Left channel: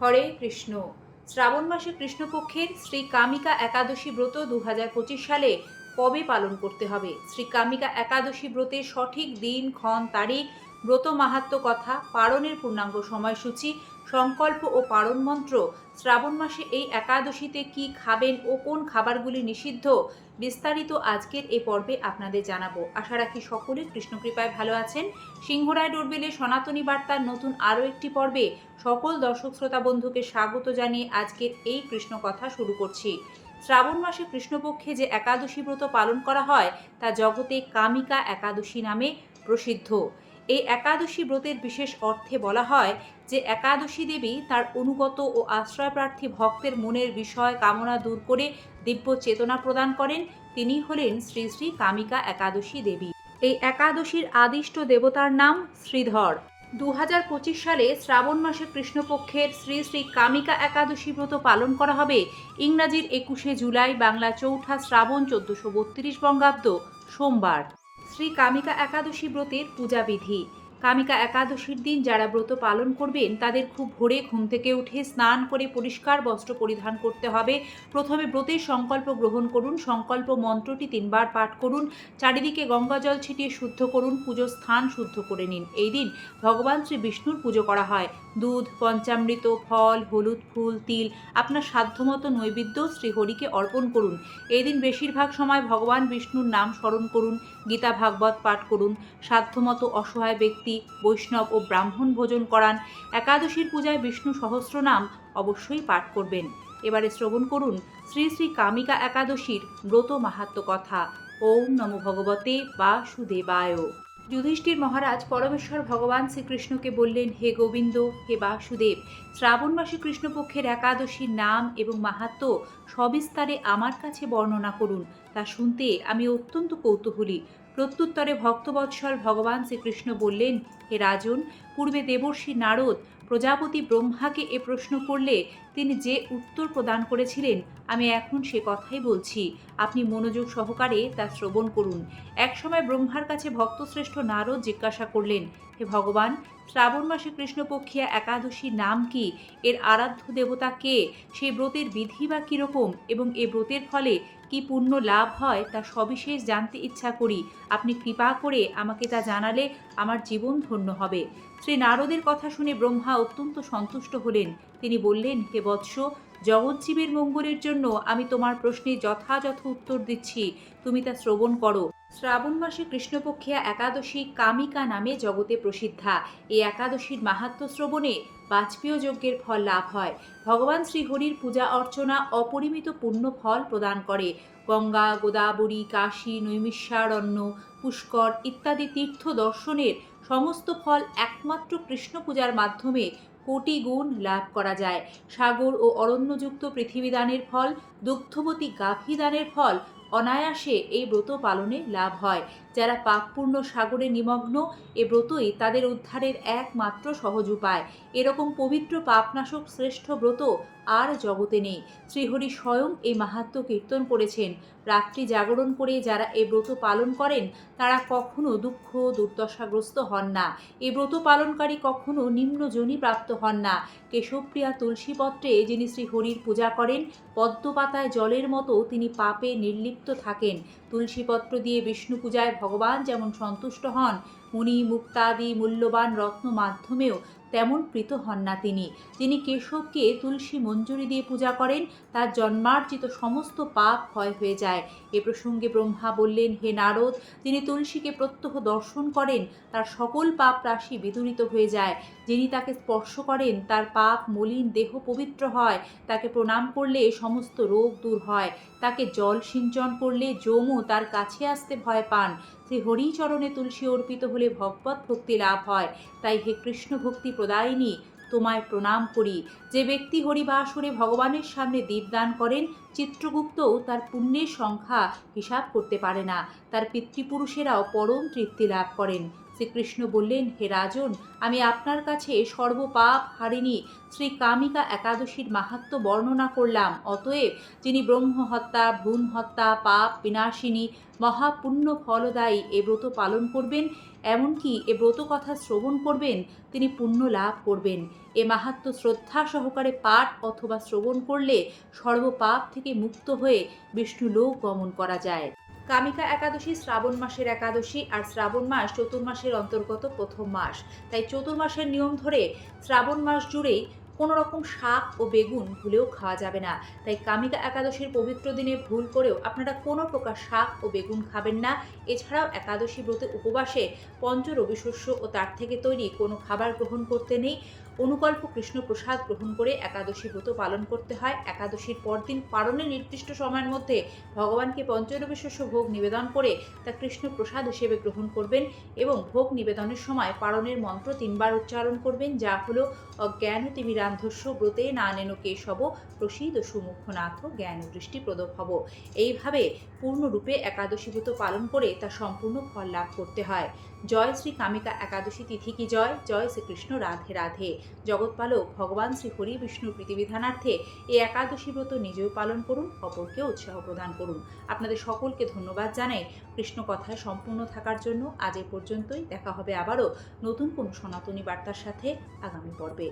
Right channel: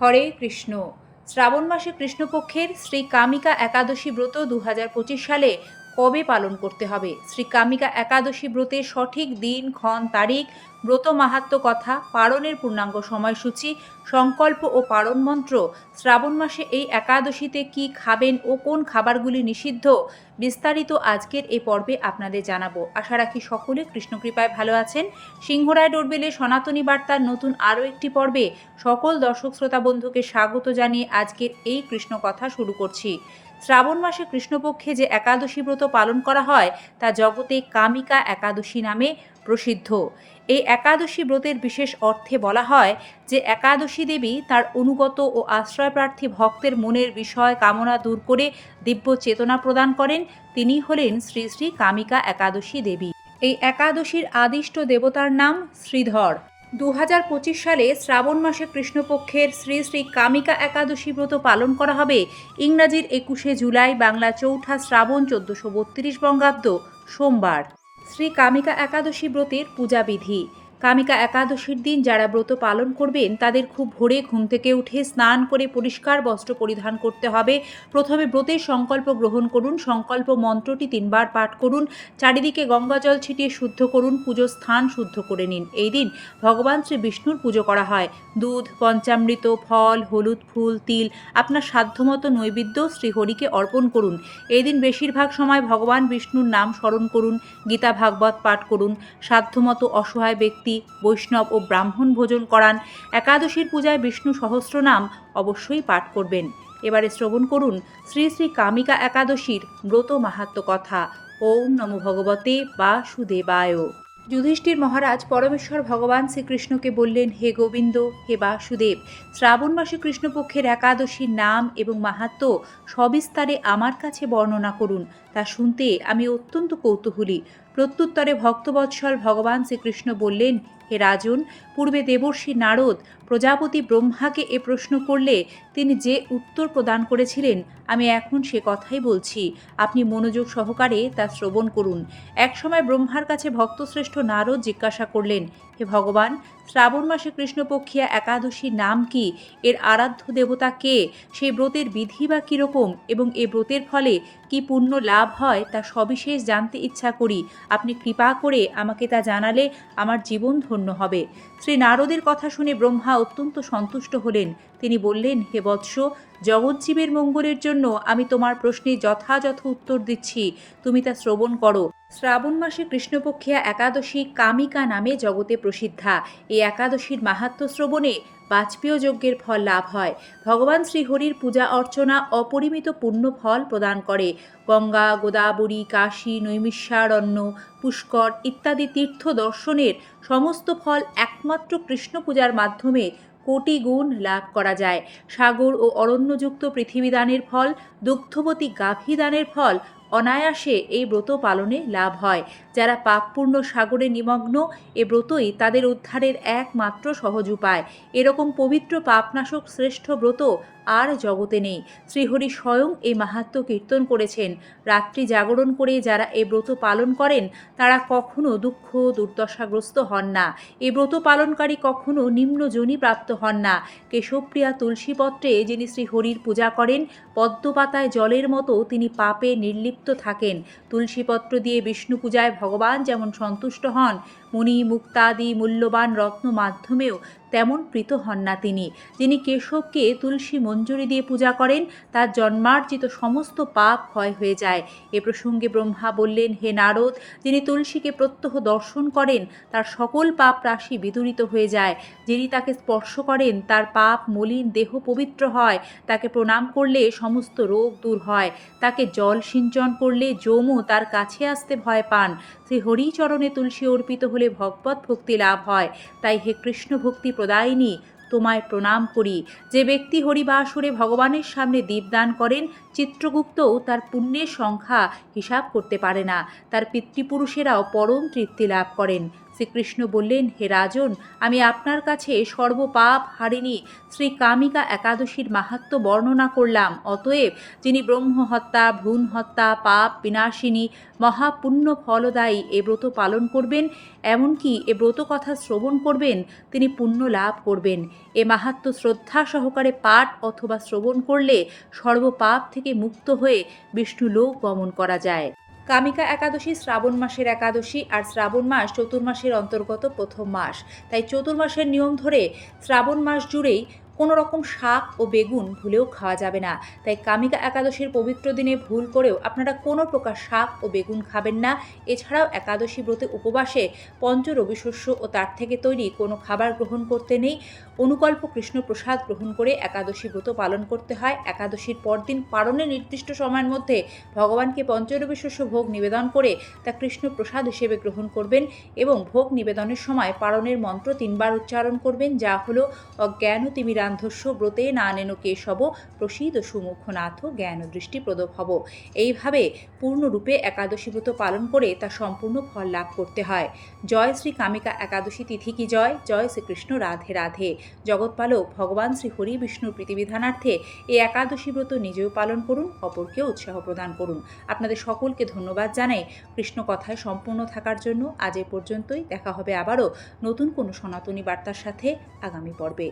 হরে কৃষ্ণ। শ্রাবণ মাসে কৃষ্ণপক্ষের শ্রী কামিকা একাদশী ব্রত দু হাজার পঁচিশ সালে কবে পালন করতে হবে? শ্রী কামিকা একাদশী ব্রতের সঠিক দিন, ক্ষণ, তারিখ ব্রত মাহাত্ম কথা, পারণের পূর্ণাঙ্গ সময়সূচি, সংকল্প ও পালন মন্ত্র, শ্রাবণ মাসে এই একাদশীতে কি খাবেন ও কোন খাবারগুলি নিষিদ্ধ, বিস্তারিত আজকের এই পর্বে আপনাদের জানাব। আশা রাখি সকলে কৃষ্ণকৃপায় ভালো আছেন। সিংহরায় ডোরবেলে সনাতনী বার্তার নতুন আরও একটি পর্বে সকল দর্শক শ্রোতা বন্ধুকে স্বাগত জানিয়ে আজকের এই কৃষ্ণ কথা শুরু করছি। শ্রাবণ মাসে কৃষ্ণপক্ষে যে একাদশী ব্রত পালন করা হয়, তা জগতে কামিকা একাদশী নামে প্রসিদ্ধ। এই একাদশী ব্রতের বিশেষ অর্থে বলা হয় যে একাদশী দেবী তার অনুগত ও আশ্রয়প্রার্থী ভক্তের মনের বিষয় কামনা দূর করে দিব্য চেতনা প্রদান করেন। তিনি হলেন শ্রী শ্রী কামিকা একাদশী দেবী। এই একাদশীর আদিষ্ট দেবতার নাম শ্রীধর। দু হাজার পঁচিশ সালে শ্রাবণ মাসে কৃষ্ণপক্ষের শ্রী শ্রী কামিকা একাদশী ব্রত পালন করা হবে। ইংরাজির একুশে জুলাই বাংলা চৌঠা শ্রাবণ চোদ্দশো বত্রিশ বঙ্গাব্দ সোমবার। শ্রী কামিকা একাদশী ব্রতের পূজাবিধি। কামিকা একাদশীর দিন যারা ব্রত পালন করবেন, তাদের খুব ভোরে ঘুম থেকে উঠে স্নান করে পরিষ্কার বস্ত্র পরিধান করতে হবে। প্রথমে ব্রতের সংকল্প গ্রহণ করুন, সংকল্প মন্ত্রটি তিনবার পাঠ করুন, চারিদিকে গঙ্গাজল ছিটিয়ে শুদ্ধ করুন, পুজোর স্থান শুদ্ধ করে নিন। এই দিন ভগবান শ্রী বিষ্ণুর পুজো করা হয়। দুধ, পঞ্চামৃত, ফল, হলুদ, ফুল, তিল, আপনার সাধ্যমতো নৈবেদ্য শ্রীহরিকে অর্পণ করুন। এই দিন বেশিরভাগ সময় ভগবান বিষ্ণুর নাম স্মরণ করুন। গীতা ভাগবত পাঠ করুন, সাধ্যমতো অসহায় ব্যক্তি, বৈষ্ণব ও ব্রাহ্মণ ভোজন করান, একাদশীর পূজায় বিষ্ণু সহস্রনাম অবশ্যই পাঠ করবেন। এবারে শ্রবণ করুন শ্রী শ্রী কামিকা একাদশীর ব্রত মাহাত্ম কথা। ওম নমো ভগবতে বাসুদেবায়। যুধিষ্ঠির মহারাজ পরমেশ্বর ভগবান শ্রীকৃষ্ণকে বললেন, হে গোবিন্দ, হে বাসুদেব, শ্রাবণ মাসে কৃষ্ণপক্ষের একাদশীর নাম এবং মাহাত্ম সবিস্তারে আমার কাছে বর্ণনা করুন। তা শুনতে আমি অত্যন্ত কৌতূহলী। প্রত্যুত্তরে ভক্তবৎসল ভগবান শ্রীকৃষ্ণ বললেন, হে রাজন, পূর্বে দেবর্ষী নারদ প্রজাপতি ব্রহ্মাকে এ প্রশ্ন করলে তিনি যে উত্তর প্রদান করেছিলেন, আমি এখন সে কথাই বলছি। আপনি মনোযোগ সহকারে তা শ্রবণ করুন। একসময় ব্রহ্মার কাছে ভক্তশ্রেষ্ঠ নারদ জিজ্ঞাসা করলেন, হে ভগবান শ্রাবণ মাসে কৃষ্ণপক্ষিয়া একাদশী নাম কি? এর আরাধ্য দেবতা কে? সেই ব্রতের বিধি বা কীরকম? এবং এ ব্রতের ফলে কি পুণ্য লাভ হয়? তা সবিশেষ জানতে ইচ্ছা করি। আপনি কৃপা করে আমাকে তা জানালে আমার জীবন ধন্য হবে। শ্রী নারদের কথা শুনে ব্রহ্মা অত্যন্ত সন্তুষ্ট হলেন। তিনি বললেন, হে বৎস, জগজ্জীবের মঙ্গলের জন্য আমি তোমার প্রশ্নে যথাযথ উত্তর দিচ্ছি। তুমি তা শ্রবণ করো। শ্রাবণ মাসে কৃষ্ণপক্ষিয়া একাদশী কামিকা নামে জগতে প্রসিদ্ধা। এই একাদশীর মাহাত্ম শ্রবণে বাজপেয় যজ্ঞের ফল লাভ হয়। ভগবান শ্রীহরির পূজা অর্চনা অপরিমিত পূর্ণ ফল প্রদান করে। গঙ্গা, গোদাবরী, কাশী, নৈমিষারণ্য, পুষ্কর ইত্যাদি তীর্থ দর্শনের সমস্ত ফল একমাত্র কৃষ্ণ পূজার মাধ্যমে কোটি গুণ লাভ করা যায়। সাগর ও অরণ্যযুক্ত পৃথিবীদানের ফল, দুগ্ধবতী গাভী দানের ফল অনায়াসে এই ব্রত পালনে লাভ হয়। যারা পাপপূর্ণ সাগরে নিমগ্ন, এ ব্রতই তাদের উদ্ধারের একমাত্র সহজ উপায়। এরকম পবিত্র পাপনাশক শ্রেষ্ঠ ব্রত আর জগতে নেই। শ্রীহরি স্বয়ং এই মাহাত্ম কীর্তন করেছেন। রাত্রি জাগরণ করে যারা এই ব্রত পালন করেন, তারা কখনো দুঃখ, দুর্দশাগ্রস্ত হন না। এই ব্রত পালনকারী কখনো নিম্ন নিম্নজনী প্রাপ্ত হন না। কেশবপ্রিয়া তুলসীপত্রে যিনি শ্রীহরির পূজা করেন, পদ্মপাতায় জলের মতো তিনি পাপে নির্লিপ্ত থাকেন। তুলসীপত্র দিয়ে বিষ্ণু পূজায় ভগবান যেমন সন্তুষ্ট হন মুনি মুক্তাদি মূল্যবান রত্ন মাধ্যমেও তেমন প্রীত হন না তিনি। যিনি কেশবকে তুলসী মঞ্জুরি দিয়ে পূজা করেন, তার জন্মার্জিত সমস্ত পাপ ক্ষয় হয়ে যায়। এ প্রসঙ্গে ব্রহ্মা বললেন, হে নারদ, যিনি তুলসীকে প্রত্যহ দর্শন করেন, তার সকল পাপ রাশি বিদূরিত হয়ে যায়। যিনি তাকে স্পর্শ করেন, তার পাপ মলিন দেহ পবিত্র হয়। তাকে প্রণাম করলে সমস্ত রোগ দূর হয়। তাকে জল সিঞ্চন করলে যমও তার কাছে আসতে ভয় পান। শ্রী হরিচরণে তুলসী অর্পিত হলে ভগবত ভক্তি লাভ হয়। তাই হে কৃষ্ণ ভক্তি প্রদায়িনী, তোমায় প্রণাম করি। যে ব্যক্তি হরিবাসুরে ভগবানের সামনে দীপদান করেন, চিত্রগুপ্তও তার পুণ্যের সংখ্যা হিসাব করতে পারে না। তার পিতৃপুরুষেরাও পরম তৃপ্তি লাভ করেন। শ্রীকৃষ্ণ বললেন, হে রাজন, আমি আপনার কাছে সর্বপাপ হারিণী শ্রী কামিকা একাদশীর মাহাত্ম্য বর্ণনা করলাম। অতএব যিনি ব্রহ্ম হত্যা ভ্রূণ হত্যা পাপ বিনাশিনী, মহাপুণ্য ফলদায়ী এ ব্রত পালন করবেন, এমনকি এ ব্রত কথা শ্রবণ করবেন, তিনি পুণ্য লাভ করবেন। এ মাহাত্ম শ্রদ্ধা সহকারে পাঠ অথবা শ্রবণ করলে সর্বপাপ থেকে মুক্ত হয়ে বিষ্ণু লোক গমন করা যায়। কামিকা একাদশী, শ্রাবণ মাসের একাদশী আর শ্রাবণ মাস চতুর্মাসের অন্তর্গত প্রথম মাস। তাই চতুর্মাসের নিয়ম ধরে শ্রাবণ মাস জুড়েই কোনো রকম শাক ও বেগুন ভুলেও খাওয়া যাবে না। তাই কামিকা একাদশীর পবিত্র দিনে ভুল করেও আপনারা কোনো প্রকার শাক ও বেগুন খাবেন না। এছাড়াও একাদশী ব্রতে উপবাসে পঞ্চ রবিশস্য ও তার থেকে তৈরি কোনো খাবার গ্রহণ করতে নেই। অনুকল্প কৃষ্ণ প্রসাদ গ্রহণ করে একাদশী ব্রত পালন করতে হয়। একাদশীর পরদিন পালনের নির্দিষ্ট সময়ের মধ্যে ভগবানকে পঞ্চরবি শস্য ভোগ নিবেদন করে তা কৃষ্ণ প্রসাদ হিসেবে গ্রহণ করবেন এবং ভোগ নিবেদনের সময় পালনের মন্ত্র তিনবার উচ্চারণ করবেন, যা হলো অজ্ঞান তিমিরান্ধস্য ব্রতে না নেন কেশব প্রসীদ সুমুখনাথ জ্ঞান দৃষ্টি প্রদব হব। এইভাবে পূর্ণরূপে একাদশী ব্রত পালন করে তা সম্পূর্ণ ফল লাভ করতে হয়। জয় শ্রী কামিকা একাদশী তিথি কি জয়? জয় শ্রীকৃষ্ণ রাধে রাধে। জগৎপালক ভগবান শ্রী হরি বিষ্ণুর প্রীতিবিধানার্থে এই একাদশী ব্রত নিজেও পালন করুন, অপরকেও উৎসাহ প্রদান করুন। আপনাদের সকলকে ধন্যবাদ জানাই কৃষ্ণ কথায় সম্পূর্ণ থাকার জন্য। আজ এ পর্যন্তই। দেখা হবে আবারও নতুন কোনো সনাতনী বার্তার সাথে আগামী পর্বে।